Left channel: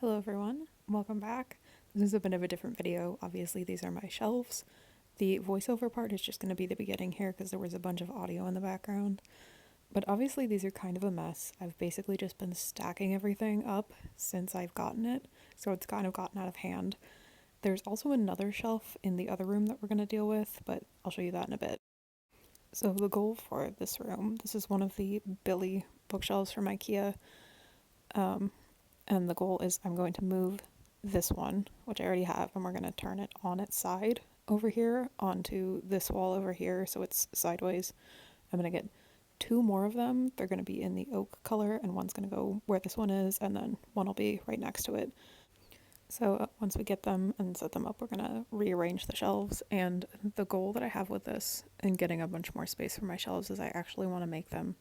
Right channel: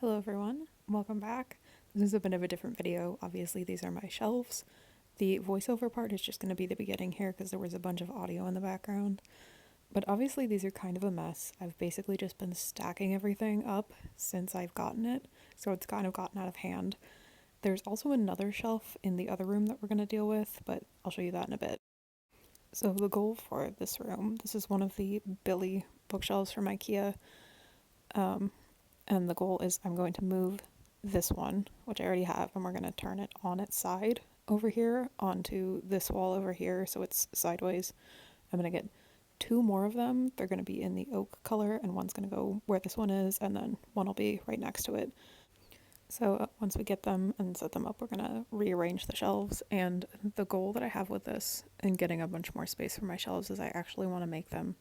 Hello everyone, welcome back. This is a bit of a different video. Obviously these are my shelves. The voiceover part is just going to be the beginning here because there was a bunch of audio in the background. But obviously these are kind of a mess. I've basically just been stacking everything up since I've gotten it, so it's kind of gotten out of hand. There's also another shelf in the other room that we're going to deal with, but I'll show you that in a bit. So the goal for this room, this is one of the Billy bookshelves from IKEA. And the goal is I'm going to move this one, which I already have, and we're going to turn it on its side over here onto this wall over here so it's sideways. I'm going to get two more of them. They're going to be in the oak color, and one's going to go where this one is, and then one will be right next to it. So once we get them and set them up, we're going to rearrange the shelves. And the goal that I have with this and getting a bunch more space for my shelves is I actually want to make them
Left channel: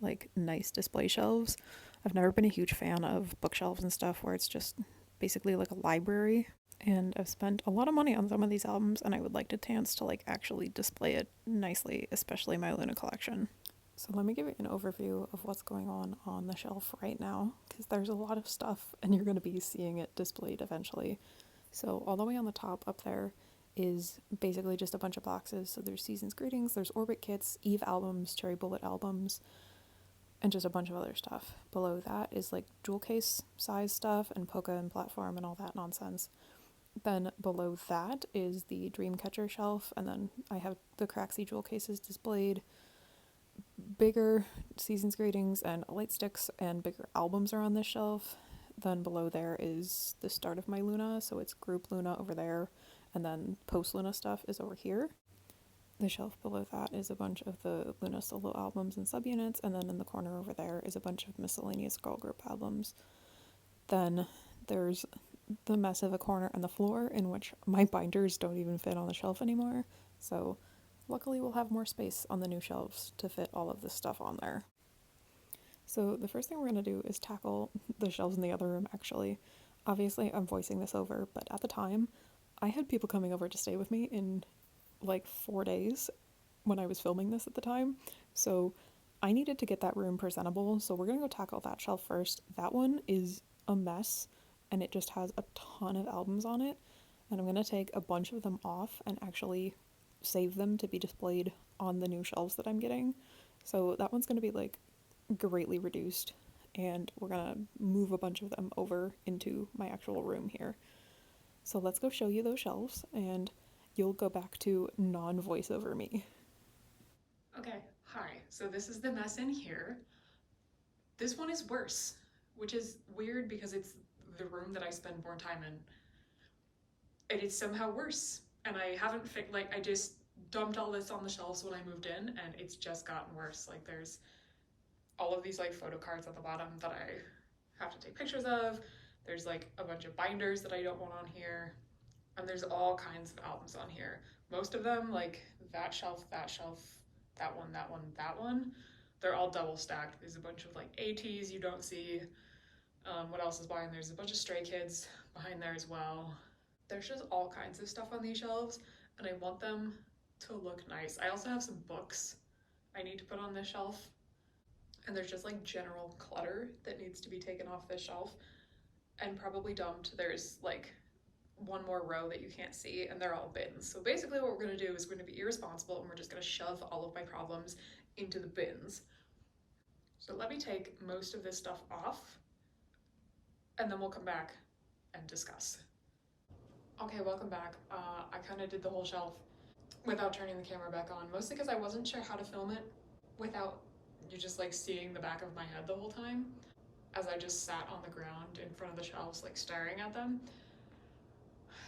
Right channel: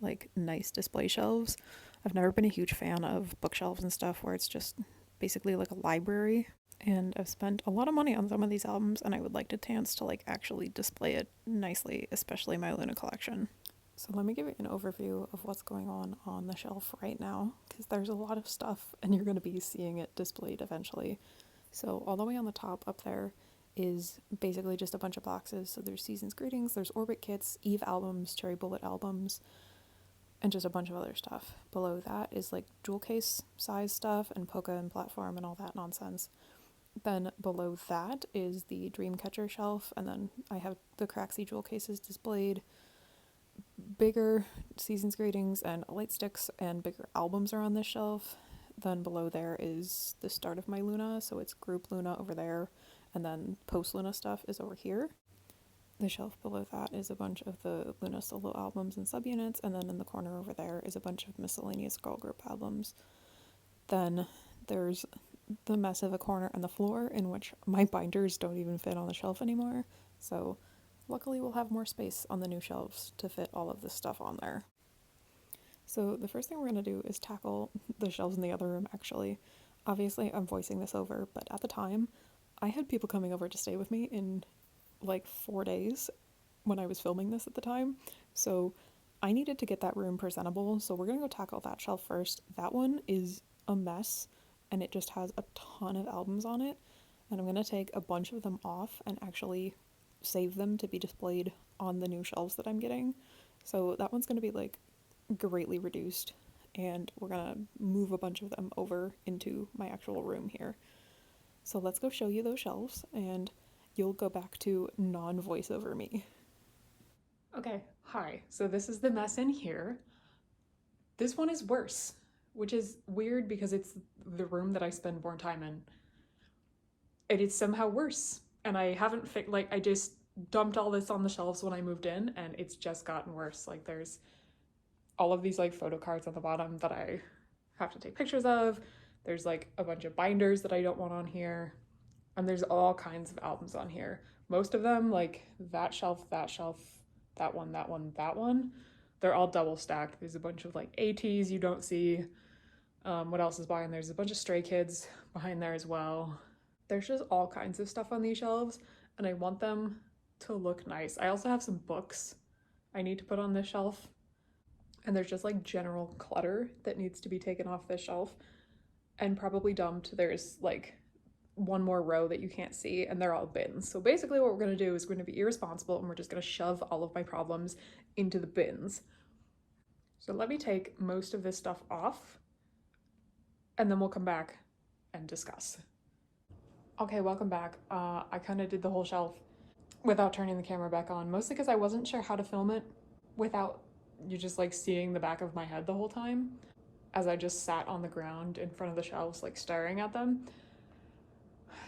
like nice display shelves. I've never been a huge fan of bookshelves and stuff where it's just basically like a library. And I've spent a lot of money on some of these albums, and I would like a chance to like actually display it nicely, especially my Luna collection. So let me give you an overview of what's going on the shelf right now, because there's a lot of stuff and you're going to be seeing it displayed eventually. So all the way on the top up there is basically just a bunch of boxes. So there's Season's Greetings, there's Orbit kits, Eve albums, Cherry Bullet albums, and just a bunch of other stuff. Below that is like jewel case size stuff and polka and platform and all that nonsense. Then below that is the Dreamcatcher shelf, and then I have the Craxi jewel cases displayed. Bigger Season's Greetings and light sticks and bigger albums are on this shelf. Then below there is the start of my Luna, so it's group Luna over there, and then post Luna stuff is over here. The shelf below that is a bunch of the Luna solo albums and subunits, and then in the corner over there is a bunch of miscellaneous girl group albums. Then there's the mess of a corner on the floor in which my binders don't even fit on the shelf anymore, so luckily we'll have more space on the new shelves to fit all of this stuff on there. So the first thing we're going to do is tackle the shelves in the other room, actually. Obviously I'm voicing this over, but at the time I had people coming over to stay with me in like 4 days when I was filming this at the time, so I needed to get that room presentable, so we're gonna go tackle that shelf first. That one is a mess and it just has a ton of albums on it, and I'm gonna take a bunch of them off and actually save them to be displayed on the new shelves that I'm getting. So that one's gonna be like greatly reduced, and we're gonna move a bunch of them over into my actual room here. So let's go show you those shelves, and you'll go back to non-voiceover me. Okay, hi. So this is the mess in here. This one is worse, which is weird because it's the room that I spend more time in. And it's somehow worse. And I haven't I just dumped all this on the shelves when I moved in, and it's just gotten worse. Like there's all of these like photo cards at the bottom that I have to take pictures of. There's like a bunch of binders that I don't want on here. And there's all kinds of albums on here. Most of them, like that shelf, that one, that one, that one, they're all double stacked. There's a bunch of like ATs you don't see. What else is behind there? There's a bunch of Stray Kids behind there as well. There's just all kinds of stuff on these shelves, and I want them to look nice. I also have some books I need to put on this shelf, and there's just like general clutter that needs to be taken off this shelf and probably dumped. There's like one more row that you can't see, and they're all bins. So basically what we're going to do is we're going to be irresponsible, and we're just going to shove all of my problems into the bins. So let me take most of this stuff off, and then we'll come back and discuss. Okay, welcome back. I kind of did the whole shelf without turning the camera back on, mostly because I wasn't sure how to film it without you just like seeing the back of my head the whole time, as I just sat on the ground in front of the shelves like staring at them.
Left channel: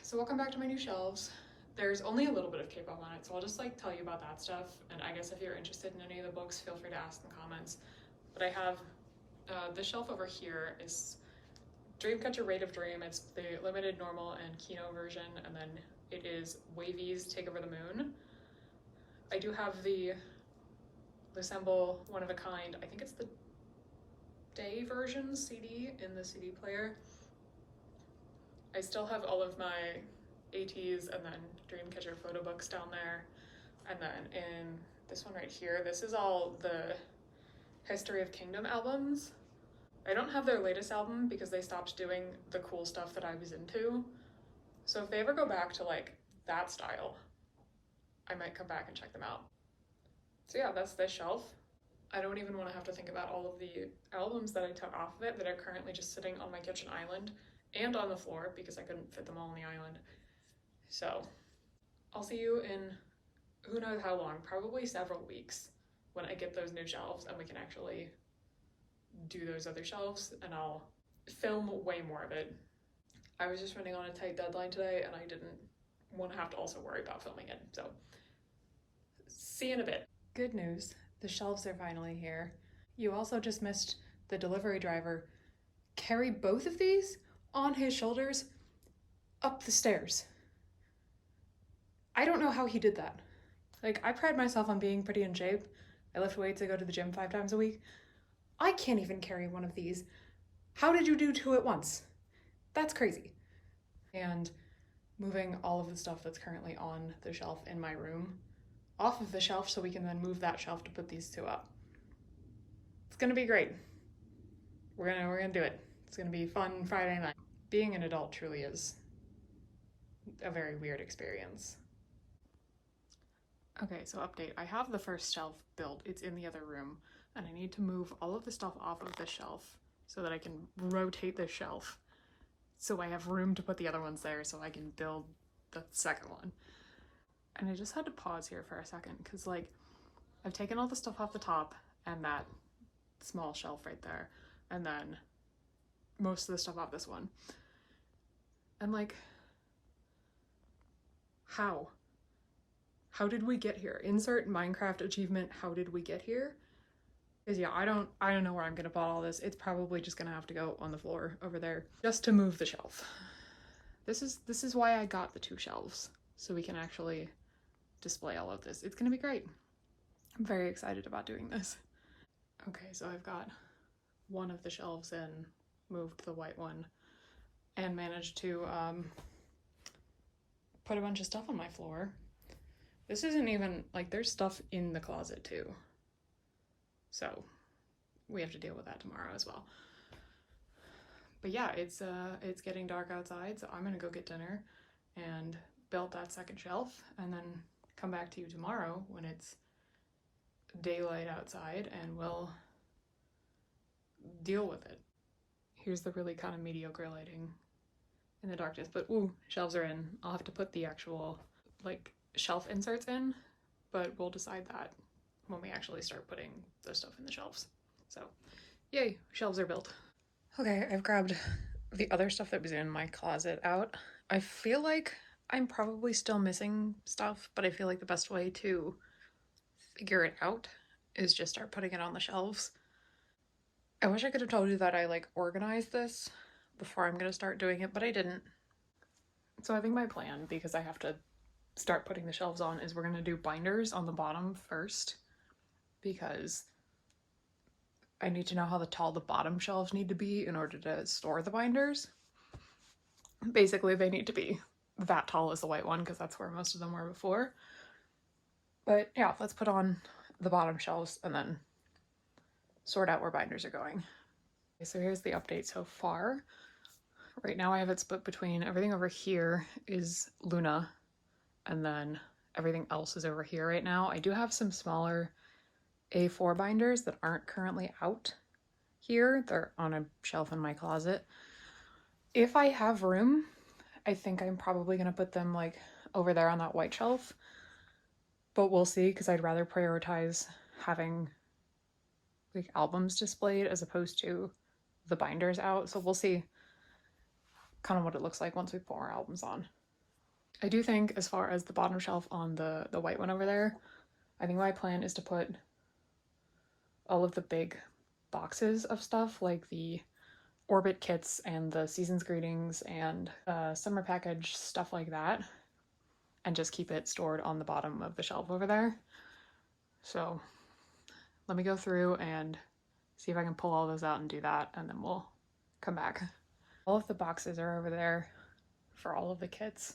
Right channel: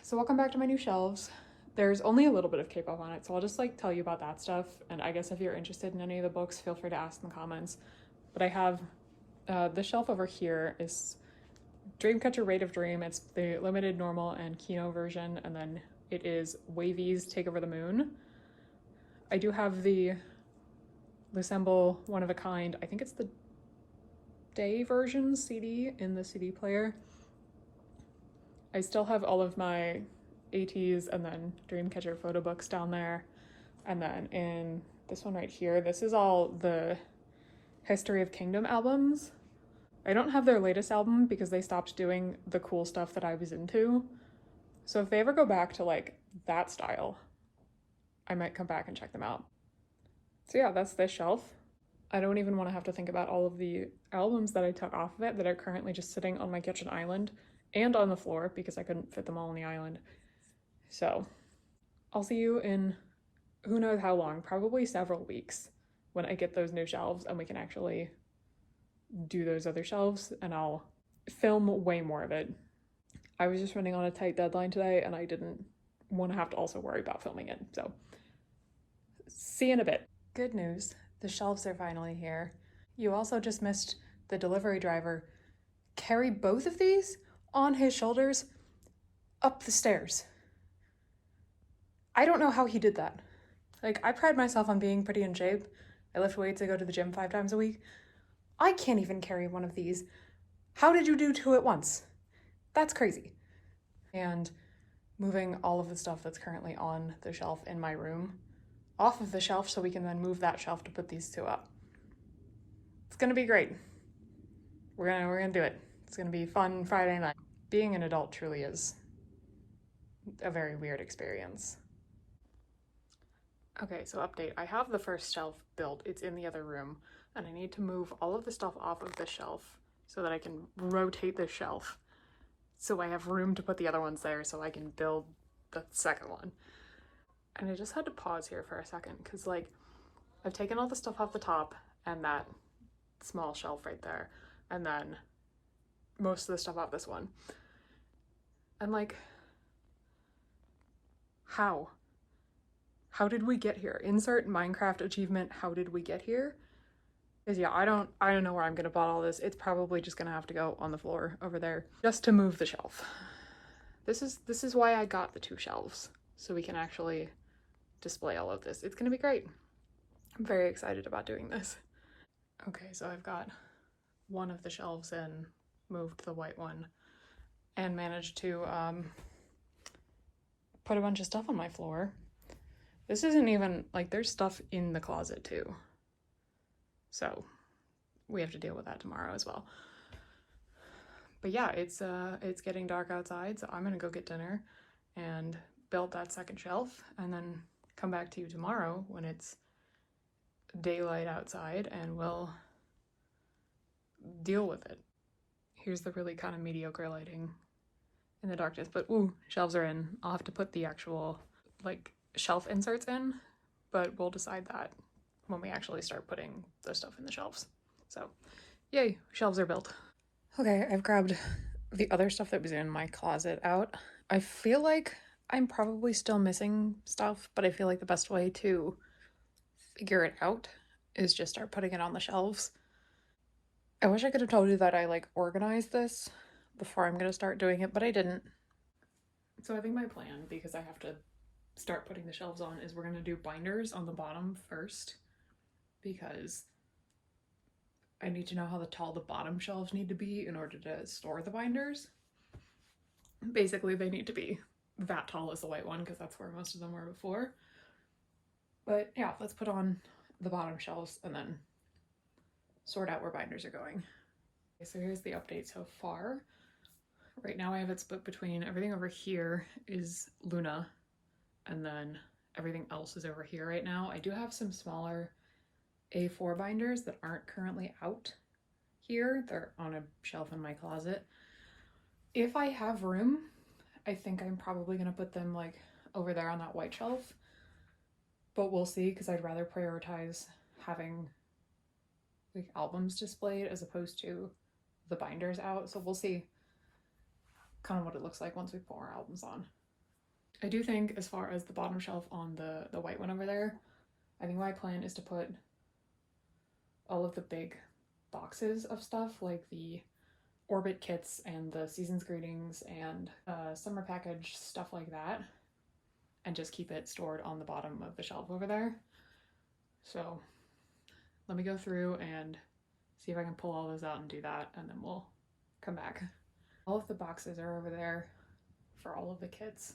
So welcome back to my new shelves. There's only a little bit of kpop on it, so I'll just like tell you about that stuff, and I guess if you're interested in any of the books, feel free to ask in the comments. But I have this shelf over here is Dreamcatcher Rate of Dream. It's the limited, normal, and Kino version, and then it is Wavy's Take Over the Moon. I do have the Lucemble One of a Kind, I think it's the day version CD in the CD player. I still have all of my ATs and then Dreamcatcher photo books down there. And then in this one right here, this is all the History of Kingdom albums. I don't have their latest album because they stopped doing the cool stuff that I was into. So if they ever go back to like that style, I might come back and check them out. So yeah, that's this shelf. I don't even want to have to think about all of the albums that I took off of it that are currently just sitting on my kitchen island and on the floor because I couldn't fit them all on the island. So I'll see you in who knows how long, probably several weeks, when I get those new shelves and we can actually do those other shelves, and I'll film way more of it. I was just running on a tight deadline today and I didn't want to have to also worry about filming it. So see you in a bit. Good news, the shelves are finally here. You also just missed the delivery driver carry both of these on his shoulders up the stairs. I don't know how he did that. Like, I pride myself on being pretty in shape. I lift weights, I go to the gym 5 times a week. I can't even carry one of these. How did you do 2 at once? That's crazy. And moving all of the stuff that's currently on the shelf in my room off of the shelf so we can then move that shelf to put these 2 up. It's gonna be great. We're gonna do it. It's gonna be fun Friday night. Being an adult truly is a very weird experience. Okay, so update. I have the first shelf built. It's in the other room, and I need to move all of the stuff off of the shelf so that I can rotate the shelf so I have room to put the other ones there so I can build the second one. And I just had to pause here for a second because, like, I've taken all the stuff off the top and that small shelf right there, and then most of the stuff off this one. And, like, how? How did we get here? Insert Minecraft achievement, how did we get here? Because yeah, I don't know where I'm gonna put all this. It's probably just gonna have to go on the floor over there just to move the shelf. This is why I got the 2 shelves, so we can actually display all of this. It's gonna be great. I'm very excited about doing this. Okay, so I've got one of the shelves in, moved the white one, and managed to put a bunch of stuff on my floor. This isn't even, like, there's stuff in the closet too. So we have to deal with that tomorrow as well. But yeah, it's getting dark outside, so I'm gonna go get dinner and build that second shelf and then come back to you tomorrow when it's daylight outside and we'll deal with it. Here's the really kind of mediocre lighting in the darkness, but ooh, shelves are in. I'll have to put the actual, like, shelf inserts in, but we'll decide that when we actually start putting the stuff in the shelves. So yay, shelves are built. Okay, I've grabbed the other stuff that was in my closet out. I feel like I'm probably still missing stuff, but I feel like the best way to figure it out is just start putting it on the shelves. I wish I could have told you that I, like, organized this before I'm gonna start doing it, but I didn't. So I think my plan, because I have to start putting the shelves on, is we're gonna do binders on the bottom first, because I need to know how tall the bottom shelves need to be in order to store the binders. Basically, they need to be that tall as the white one because that's where most of them were before. But yeah, let's put on the bottom shelves and then sort out where binders are going. Okay, so here's the update so far. Right now I have it split between everything over here is Luna, and then everything else is over here right now. I do have some smaller A4 binders that aren't currently out here. They're on a shelf in my closet. If I have room, I think I'm probably gonna put them, like, over there on that white shelf, but we'll see, because I'd rather prioritize having, like, albums displayed as opposed to the binders out. So we'll see kind of what it looks like once we put more albums on. I do think, as far as the bottom shelf on the white one over there, I think my plan is to put all of the big boxes of stuff, like the Orbit kits and the Season's Greetings and summer package, stuff like that, and just keep it stored on the bottom of the shelf over there. So let me go through and see if I can pull all those out and do that, and then we'll come back. All of the boxes are over there for all of the kits.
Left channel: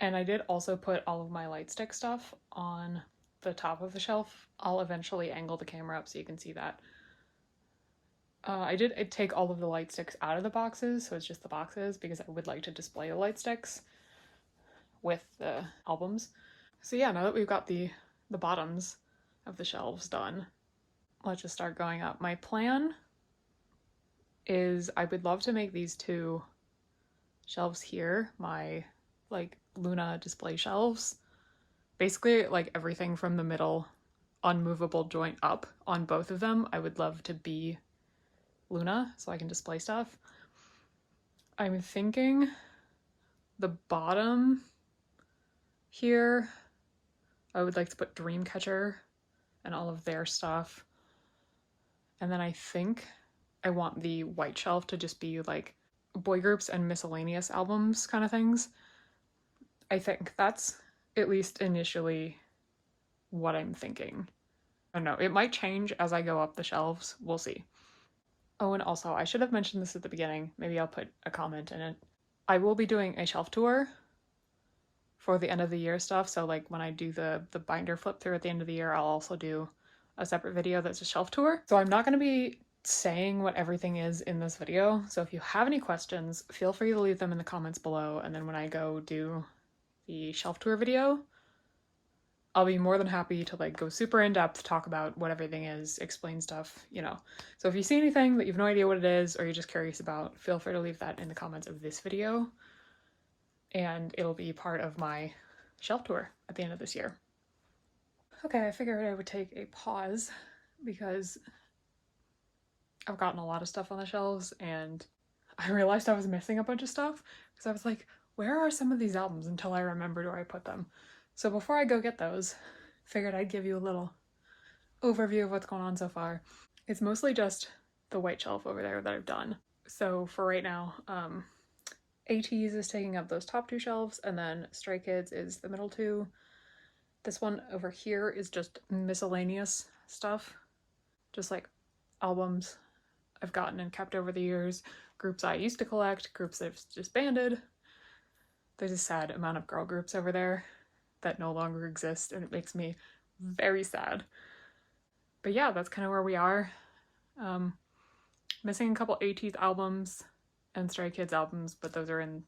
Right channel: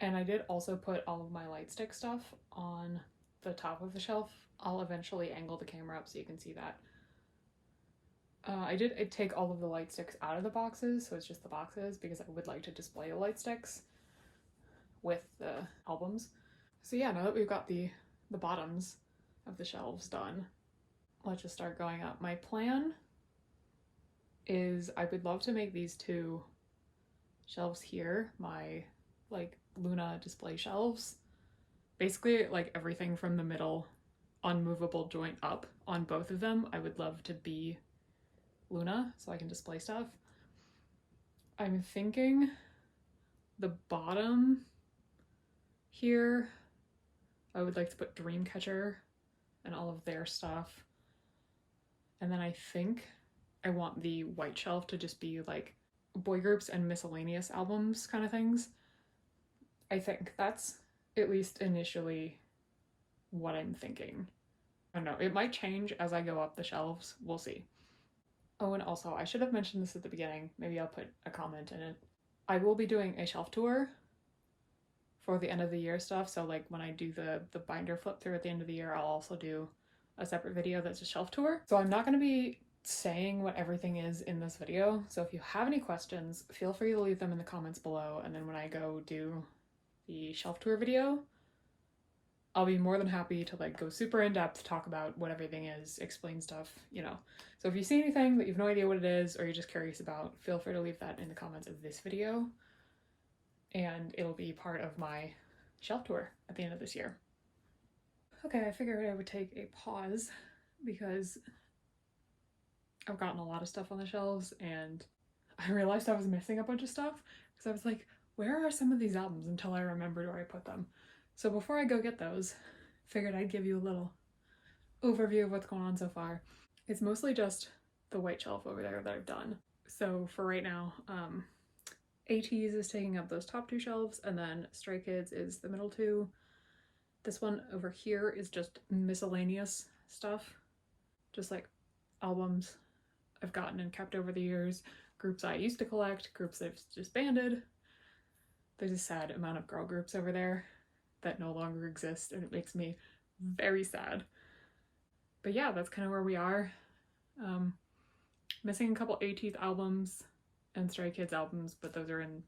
And I did also put all of my light stick stuff on the top of the shelf. I'll eventually angle the camera up so you can see that. I did take all of the light sticks out of the boxes, so it's just the boxes because I would like to display the light sticks with the albums. So yeah, now that we've got the bottoms of the shelves done, let's just start going up. My plan is I would love to make these two shelves here my like Luna display shelves. Basically, like everything from the middle unmovable joint up on both of them, I would love to be Luna so I can display stuff. I'm thinking the bottom here, I would like to put Dreamcatcher and all of their stuff. And then I think I want the white shelf to just be like boy groups and miscellaneous albums kind of things. I think that's at least initially what I'm thinking. I don't know, it might change as I go up the shelves. We'll see. Oh, and also, I should have mentioned this at the beginning. Maybe I'll put a comment in it. I will be doing a shelf tour for the end of the year stuff. So like when I do the binder flip through at the end of the year, I'll also do a separate video that's a shelf tour. So I'm not going to be saying what everything is in this video. So if you have any questions, feel free to leave them in the comments below. And then when I go do the shelf tour video, I'll be more than happy to like go super in depth, talk about what everything is, explain stuff, you know. So if you see anything that you have no idea what it is or you're just curious about, feel free to leave that in the comments of this video. And it'll be part of my shelf tour at the end of this year. Okay, I figured I would take a pause because I've gotten a lot of stuff on the shelves and I realized I was missing a bunch of stuff because I was like, where are some of these albums until I remembered where I put them. So before I go get those, figured I'd give you a little overview of what's going on so far. It's mostly just the white shelf over there that I've done. So for right now, ATEEZ is taking up those top two shelves, and then Stray Kids is the middle two. This one over here is just miscellaneous stuff, just like albums I've gotten and kept over the years, groups I used to collect, groups that have disbanded. There's a sad amount of girl groups over there that no longer exist, and it makes me very sad. But yeah, that's kind of where we are. Missing a couple ATEEZ albums and Stray Kids albums, but those are in...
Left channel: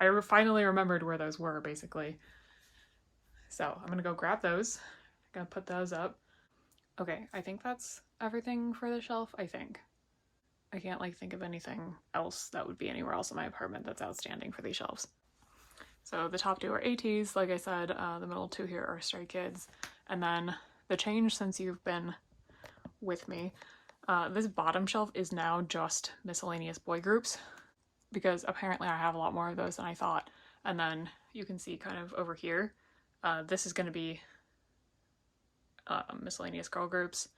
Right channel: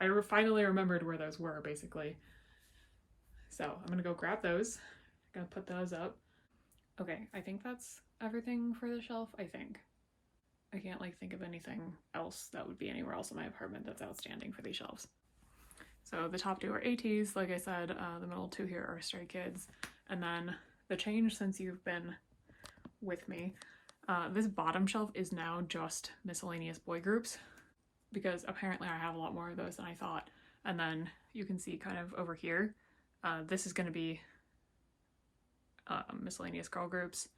I finally remembered where those were, basically. So I'm gonna go grab those. I'm gonna put those up. Okay, I think that's everything for the shelf, I think. I can't like think of anything else that would be anywhere else in my apartment that's outstanding for these shelves. So the top two are ATEEZ, like I said, the middle two here are Stray Kids, and then the change since you've been with me, this bottom shelf is now just miscellaneous boy groups, because apparently I have a lot more of those than I thought. And then you can see kind of over here, this is going to be miscellaneous girl groups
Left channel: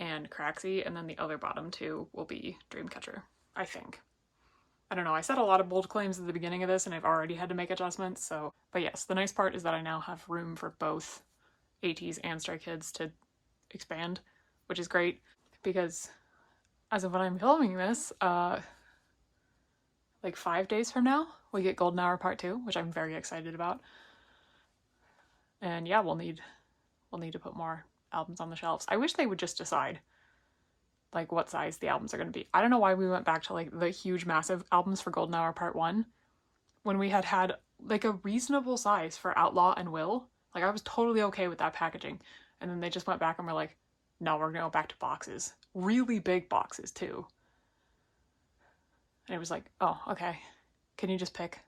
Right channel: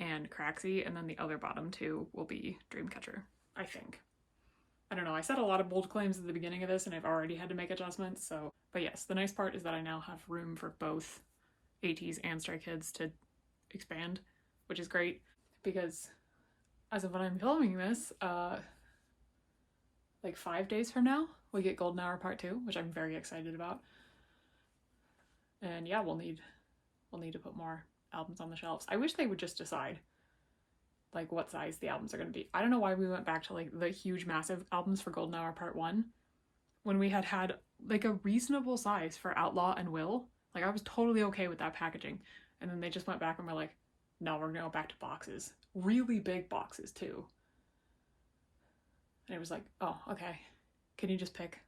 and Craxy, and then the other bottom two will be Dreamcatcher, I think. I don't know, I said a lot of bold claims at the beginning of this and I've already had to make adjustments, so... But yes, the nice part is that I now have room for both ATEEZ and Stray Kids to expand, which is great, because as of when I'm filming this, like 5 days from now, we get Golden Hour Part 2, which I'm very excited about. And yeah, we'll need to put more albums on the shelves. I wish they would just decide like what size the albums are going to be. I don't know why we went back to like the huge massive albums for Golden Hour Part 1 when we had like a reasonable size for Outlaw and Will. Like I was totally okay with that packaging. And then they just went back and were like, no, we're going to go back to boxes. Really big boxes too. And it was like, oh, okay. Can you just pick?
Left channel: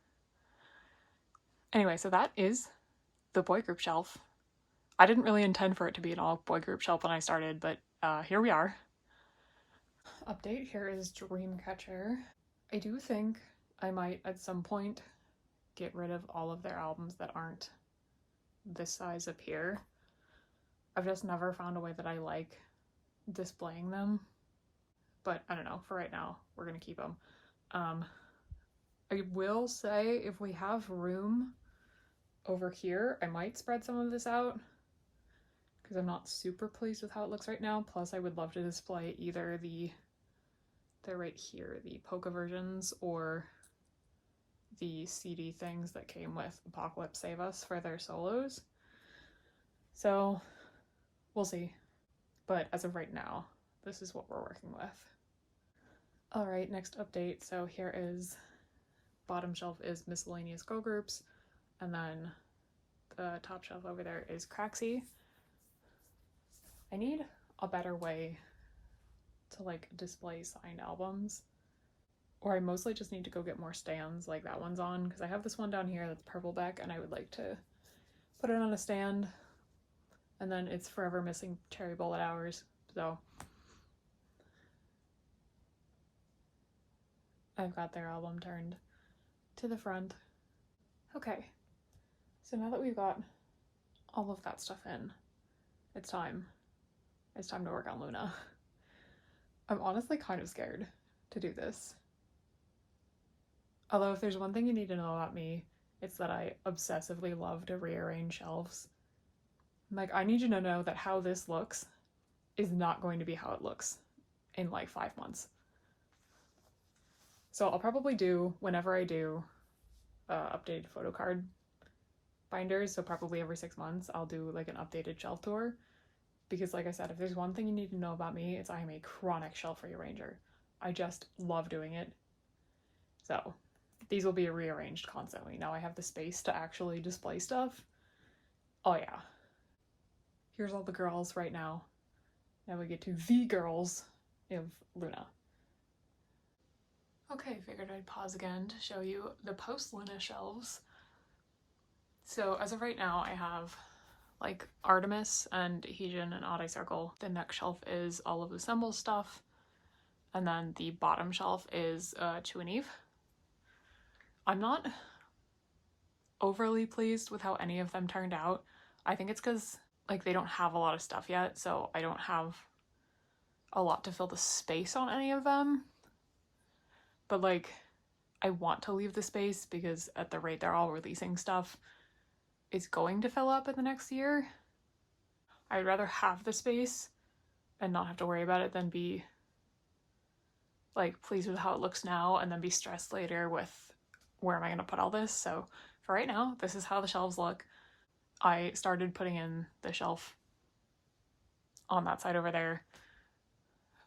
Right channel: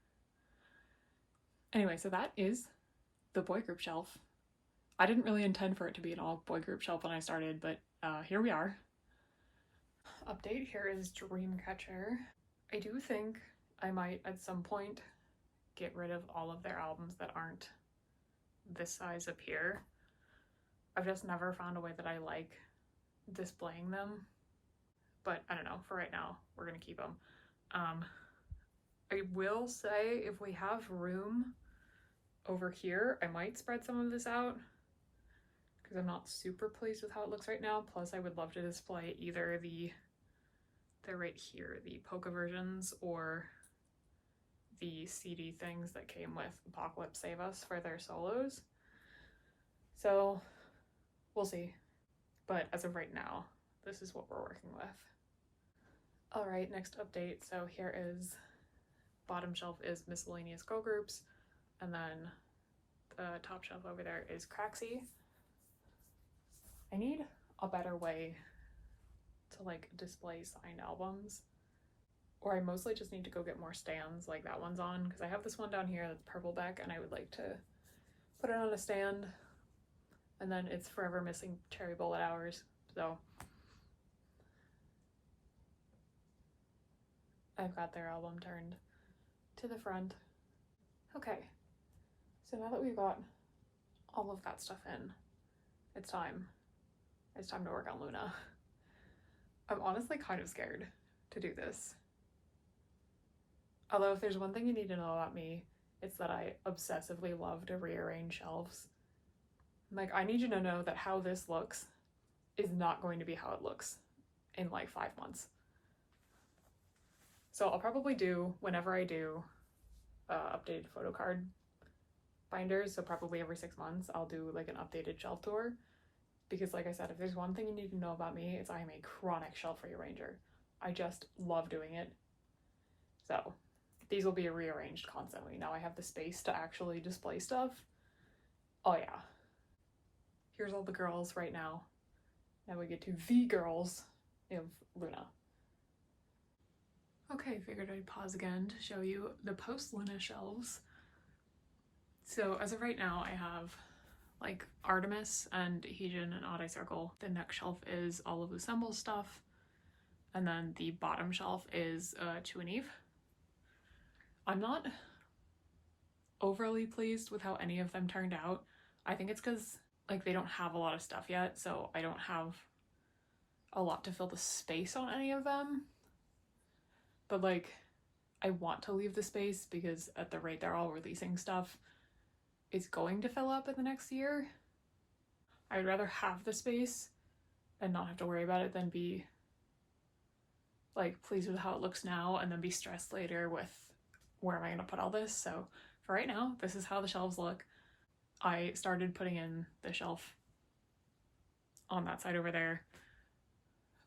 Anyway, so that is the boy group shelf. I didn't really intend for it to be an all boy group shelf when I started, but here we are. Update, here is Dreamcatcher. I do think I might at some point get rid of all of their albums that aren't this size up here. I've just never found a way that I like displaying them, but I don't know, for right now we're gonna keep them. I will say if we have room over here, I might spread some of this out because I'm not super pleased with how it looks right now. Plus I would love to display either they're right here, the polka versions, or the CD things that came with Apocalypse Save Us for their solos. So we'll see. But as of right now, this is what we're working with. All right, next update. So here is, bottom shelf is miscellaneous girl groups, and then the top shelf over there is Craxy. I need a better way to like display signed albums, or I mostly just need to go get more stands like that one's on, because I have this one down here that's purple back and I would like to put it on a stand. And then it's forever missing Cherry Bullet Hours, so I've got their album turned to the front. Okay, so now that we've got all of that stuff in, it's time to work on Luna. I'm honestly kind of scared to do this. Although if there's one thing you need to know about me, it's that I obsessively love to rearrange shelves. Like, I need you to know that how this looks is not going to be how it looks in like 5 months. So I'll probably do, whenever I do updated photo card binders, so probably every 6 months, I'll do like an updated shelf tour. Because like I said, if there's one thing you need to know about me, it's I am a chronic shelf rearranger. I just love doing it. So these will be rearranged constantly. Now I have the space to actually display stuff. Oh yeah. Here's all the girls right now. Now we get to the girls of Luna. Okay, figured I'd pause again to show you the post-Luna shelves. So as of right now, I have like Artemis and Heejin and Odd Eye Circle. The next shelf is all of Assemble's stuff. And then the bottom shelf is Chu and Eve. I'm not overly pleased with how any of them turned out. I think it's because like they don't have a lot of stuff yet, so I don't have a lot to fill the space on any of them. But like, I want to leave the space because at the rate they're all releasing stuff, it's going to fill up in the next year. I'd rather have the space and not have to worry about it than be like pleased with how it looks now and then be stressed later with where am I going to put all this. So for right now, this is how the shelves look. I started putting in the shelf on that side over there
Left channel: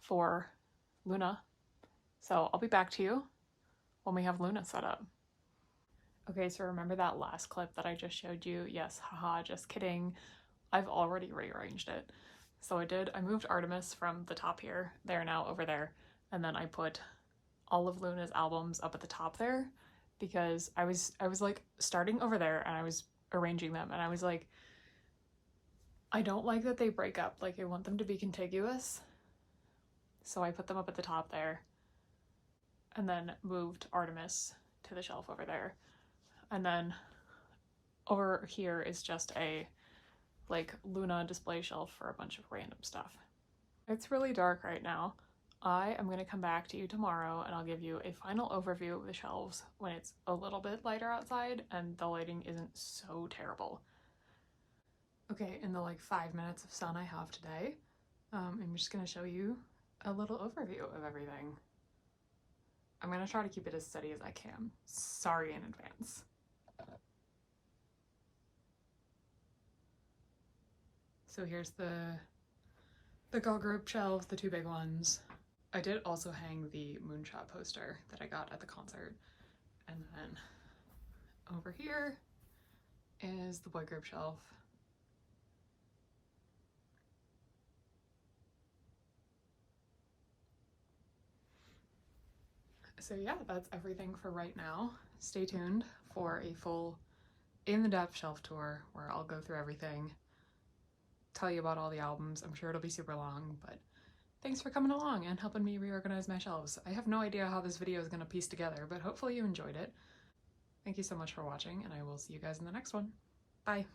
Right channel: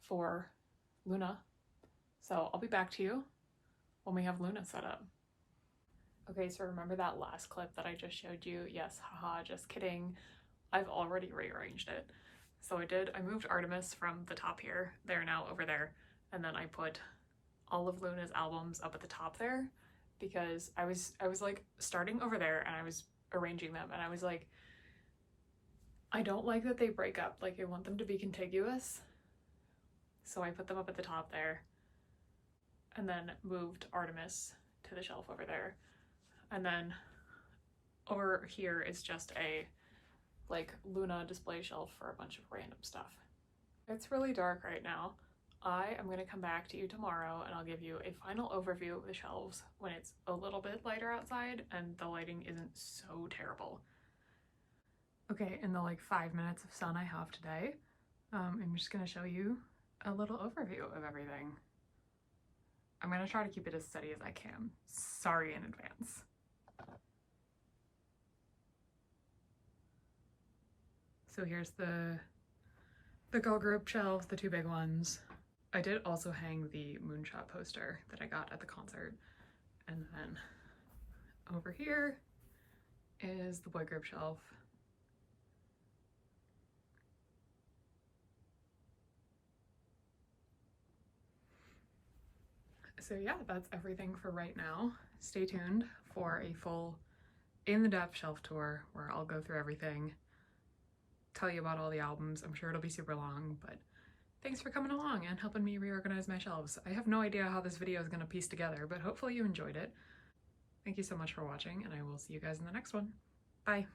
for Luna. So I'll be back to you when we have Luna set up. Okay, so remember that last clip that I just showed you? Yes, haha, just kidding. I've already rearranged it. So I moved Artemis from the top here. They're now over there. And then I put all of Luna's albums up at the top there because I was like starting over there and I was arranging them and I was like, I don't like that they break up. Like, I want them to be contiguous. So I put them up at the top there and then moved Artemis to the shelf over there. And then over here is just a like Luna display shelf for a bunch of random stuff. It's really dark right now. I am going to come back to you tomorrow and I'll give you a final overview of the shelves when it's a little bit lighter outside and the lighting isn't so terrible. Okay, in the like 5 minutes of sun I have today, I'm just going to show you a little overview of everything. I'm going to try to keep it as steady as I can. Sorry in advance. So here's the girl group shelves, the 2 big ones. I did also hang the Moonshot poster that I got at the concert. And then over here is the boy group shelf. So yeah, that's everything for right now. Stay tuned for a full in-the-depth shelf tour where I'll go through everything, tell you about all the albums. I'm sure it'll be super long, but thanks for coming along and helping me reorganize my shelves. I have no idea how this video is going to piece together, but hopefully you enjoyed it. Thank you so much for watching, and I will see you guys in the next one. Bye!